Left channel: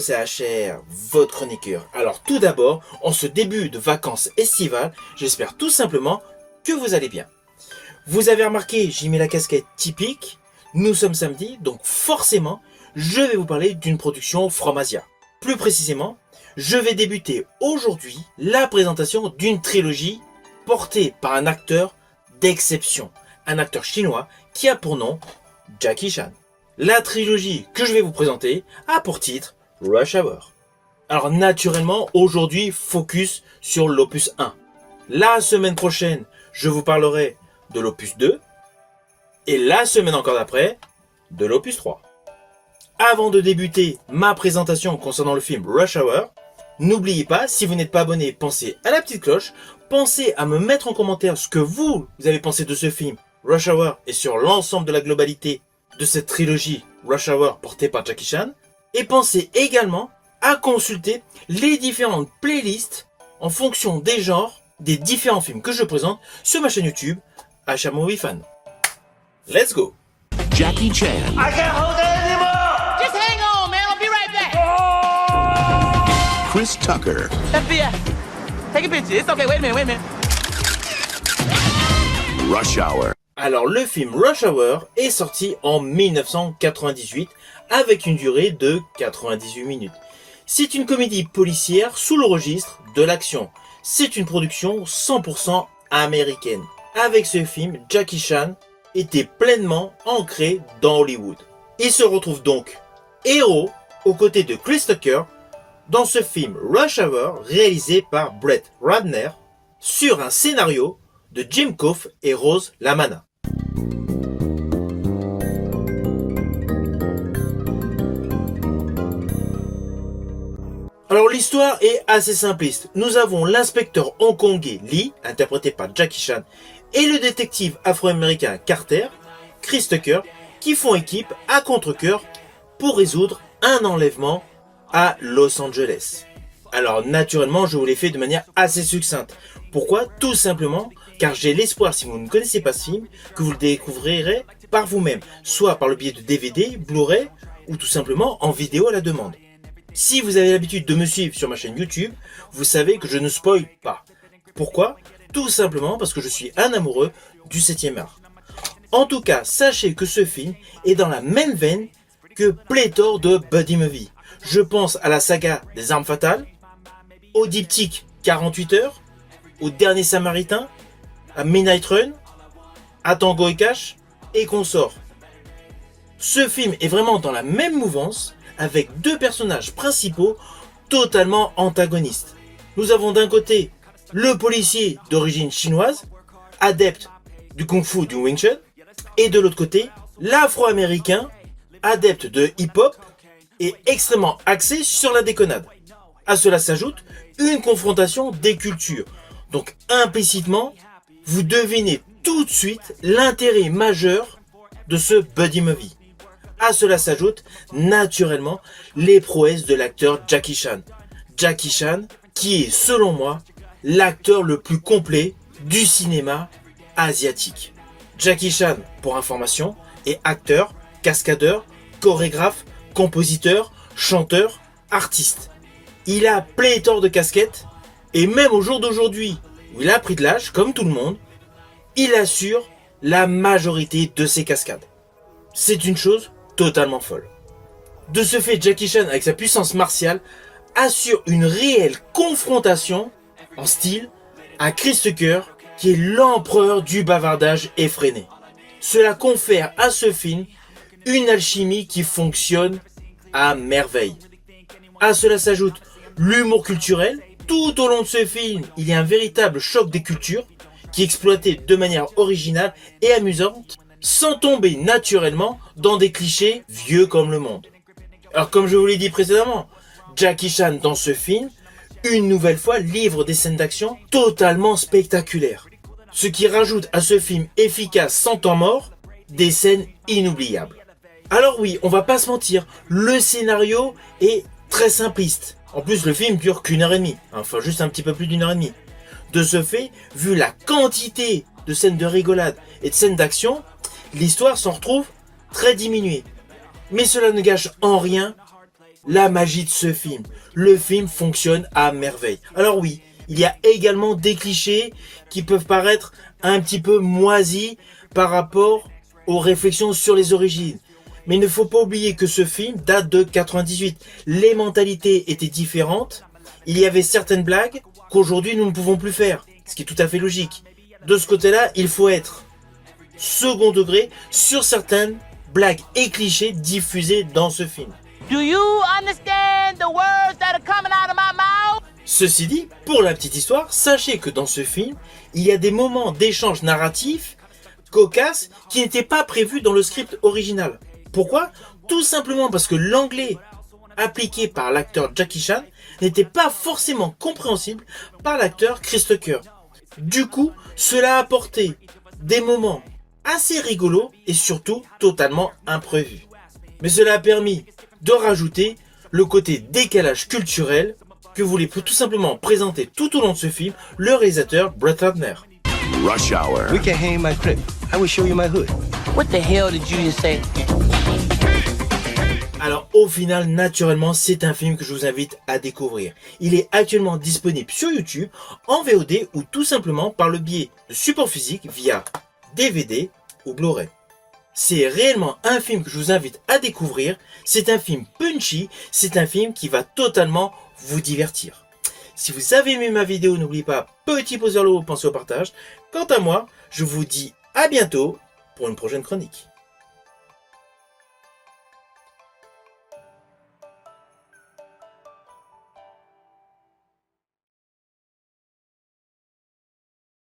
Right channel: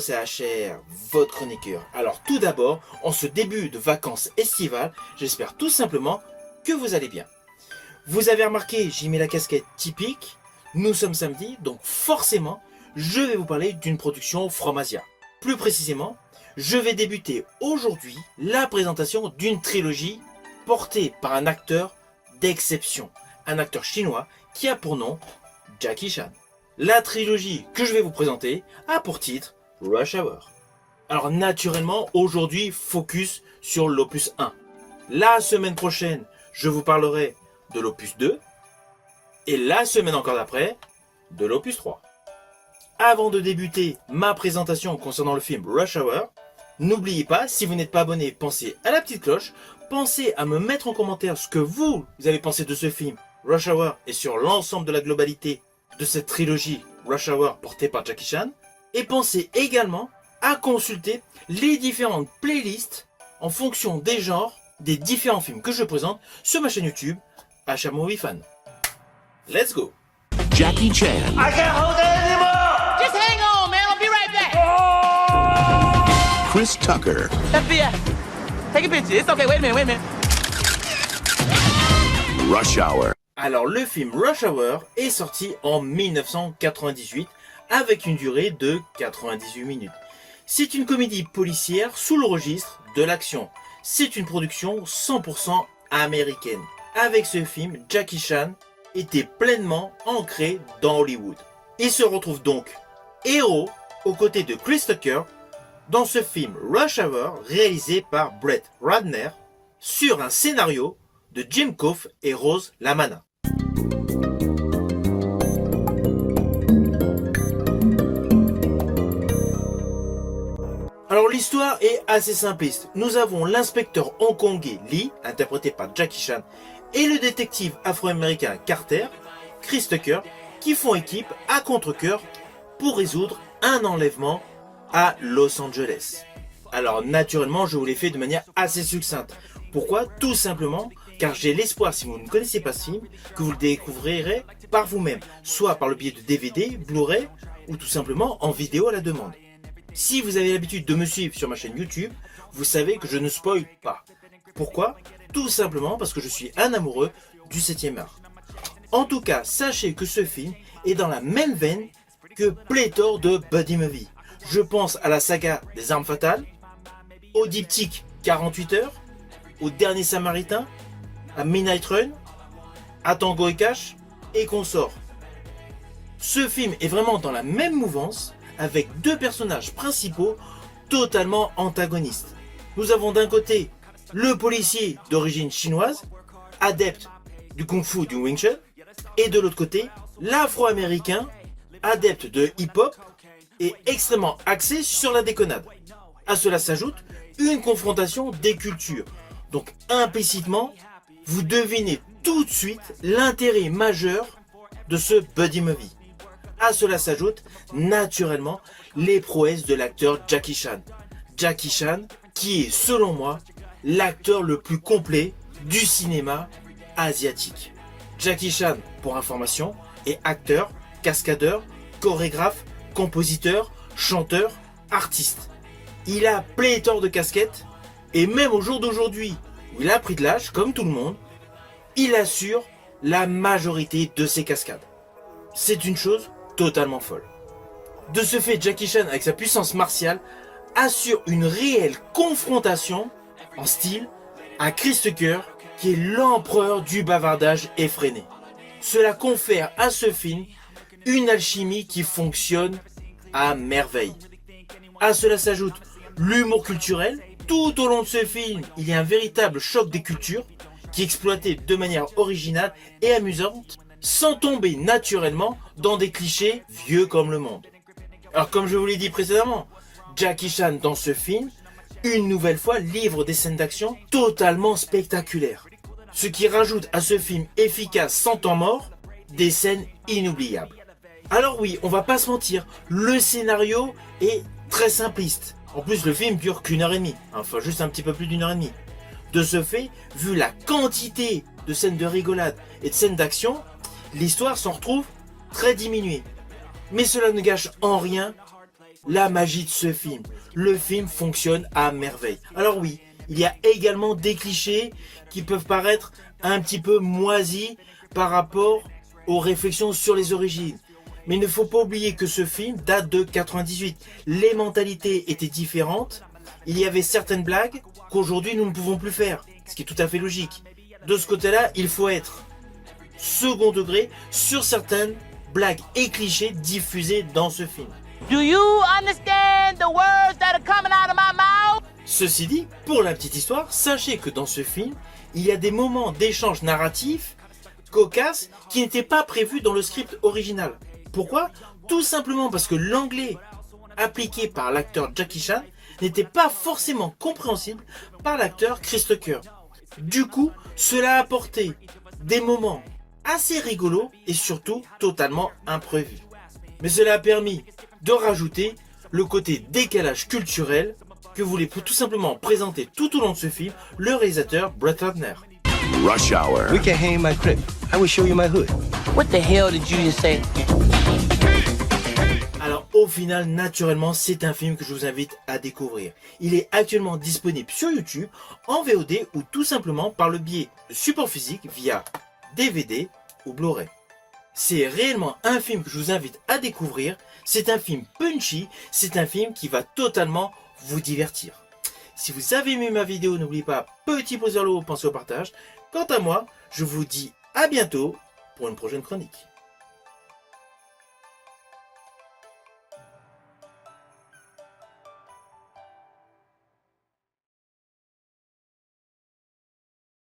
CHR, votre chroniqueur. Alors tout d'abord, en ce début de vacances estivales, j'espère tout simplement que vous allez bien. Vous avez remarqué, j'ai mis la casquette typique. Nous sommes samedi, donc forcément, je vais vous parler d'une production From Asia. Plus précisément, je vais débuter aujourd'hui la présentation d'une trilogie portée par un acteur d'exception. Un acteur chinois qui a pour nom Jackie Chan. La trilogie que je vais vous présenter a pour titre Rush Hour. Alors naturellement, aujourd'hui, focus sur l'opus 1. La semaine prochaine, je vous parlerai de l'opus 2. Et la semaine encore d'après, de l'opus 3. Avant de débuter ma présentation concernant le film Rush Hour, n'oubliez pas, si vous n'êtes pas abonné, pensez à la petite cloche. Pensez à me mettre en commentaire ce que vous avez pensé de ce film Rush Hour et sur l'ensemble de la globalité de cette trilogie Rush Hour portée par Jackie Chan. Et pensez également à consulter les différentes playlists en fonction des genres des différents films que je présente sur ma chaîne YouTube HR Movie Fan. Let's go! Jackie Chan. I can't hold it anymore! Just hang on, man. I'll be right back. Chris Tucker. FBI, take a picture. It's okay. Wait a minute. Rush Hour. Alors le film Rush Hour est sorti en 1998 avec une durée de 98 minutes. C'est une comédie policière sous le registre de l'action. C'est une production 100% américaine. Avec ce film, Jackie Chan était pleinement ancré dans Hollywood. Il se retrouve donc héros aux côtés de Chris Tucker dans ce film Rush Hour réalisé par Brett Ratner sur un scénario de Jim Kouf et Rose Lamana. Alors l'histoire est assez simpliste. Nous avons l'inspecteur hongkongais Lee, interprété par Jackie Chan, et le détective afro-américain Carter, Chris Tucker, qui font équipe à contre-cœur pour résoudre un enlèvement à Los Angeles. Alors naturellement, je vous l'ai fait de manière assez succincte. Pourquoi? Tout simplement car j'ai l'espoir, si vous ne connaissez pas ce film, que vous le découvrirez par vous-même, soit par le biais de DVD, Blu-ray, ou tout simplement en vidéo à la demande. Si vous avez l'habitude de me suivre sur ma chaîne YouTube, vous savez que je ne spoil pas. Pourquoi? Tout simplement parce que je suis un amoureux du 7e art. En tout cas, sachez que ce film est dans la même veine que pléthore de buddy movie. Je pense à la saga des armes fatales, au diptyque 48 heures, au Dernier Samaritain, à Midnight Run, à Tango et Cash et consorts. Ce film est vraiment dans la même mouvance avec deux personnages principaux totalement antagonistes. Nous avons d'un côté le policier d'origine chinoise, adepte du kung-fu du Wing Chun, et de l'autre côté l'afro-américain, adepte de hip-hop et extrêmement axé sur la déconnade. À cela s'ajoute une confrontation des cultures. Donc implicitement, vous devinez tout de suite l'intérêt majeur de ce buddy movie. À cela s'ajoute naturellement les prouesses de l'acteur Jackie Chan. Jackie Chan qui est selon moi l'acteur le plus complet du cinéma asiatique. Jackie Chan, pour information, est acteur, cascadeur, chorégraphe, compositeur, chanteur, artiste. Il a pléthore de casquettes et même au jour d'aujourd'hui, où il a pris de l'âge, comme tout le monde, il assure la majorité de ses cascades. C'est une chose totalement folle. De ce fait, Jackie Chan, avec sa puissance martiale, assure une réelle confrontation en style à Chris Tucker, qui est l'empereur du bavardage effréné. Cela confère à ce film une alchimie qui fonctionne à merveille. À cela s'ajoute l'humour culturel. Tout au long de ce film, il y a un véritable choc des cultures qui est exploité de manière originale et amusante, sans tomber naturellement dans des clichés vieux comme le monde. Alors comme je vous l'ai dit précédemment, Jackie Chan dans ce film, une nouvelle fois, livre des scènes d'action totalement spectaculaires. Ce qui rajoute à ce film efficace sans temps mort, des scènes inoubliables. Alors oui, on va pas se mentir, le scénario est très simpliste. En plus, le film dure qu'1h30, enfin juste un petit peu plus d'1h30. De ce fait, vu la quantité de scènes de rigolade et de scènes d'action, l'histoire s'en retrouve très diminuée. Mais cela ne gâche en rien la magie de ce film. Le film fonctionne à merveille. Alors oui, il y a également des clichés qui peuvent paraître un petit peu moisis par rapport aux réflexions sur les origines. Mais il ne faut pas oublier que ce film date de 98. Les mentalités étaient différentes. Il y avait certaines blagues qu'aujourd'hui nous ne pouvons plus faire, ce qui est tout à fait logique. De ce côté-là, il faut être second degré sur certaines blagues et clichés diffusés dans ce film. Do you understand the words that are coming out of my mouth? Ceci dit, pour la petite histoire, sachez que dans ce film, il y a des moments d'échange narratif cocasses qui n'étaient pas prévus dans le script original. Pourquoi? Tout simplement parce que l'anglais appliqué par l'acteur Jackie Chan n'était pas forcément compréhensible par l'acteur Chris Tucker. Du coup, cela a apporté des moments assez rigolos et surtout totalement imprévus. Mais cela a permis de rajouter le côté décalage culturel que voulait tout simplement présenter tout au long de ce film le réalisateur Brett Ratner. Rush Hour. We can hang my crib. I will show you my hood. What the hell did you just say? Alors au final, naturellement, c'est un film que je vous invite à découvrir. Il est actuellement disponible sur YouTube, en VOD ou tout simplement par le biais de support physique via DVD ou Blu-ray. C'est réellement un film que je vous invite à découvrir. C'est un film punchy, c'est un film qui va totalement vous divertir. Si vous avez aimé ma vidéo, n'oubliez pas, petit pouce vers le haut, pensez au partage. Quant à moi, je vous dis à bientôt pour une prochaine chronique.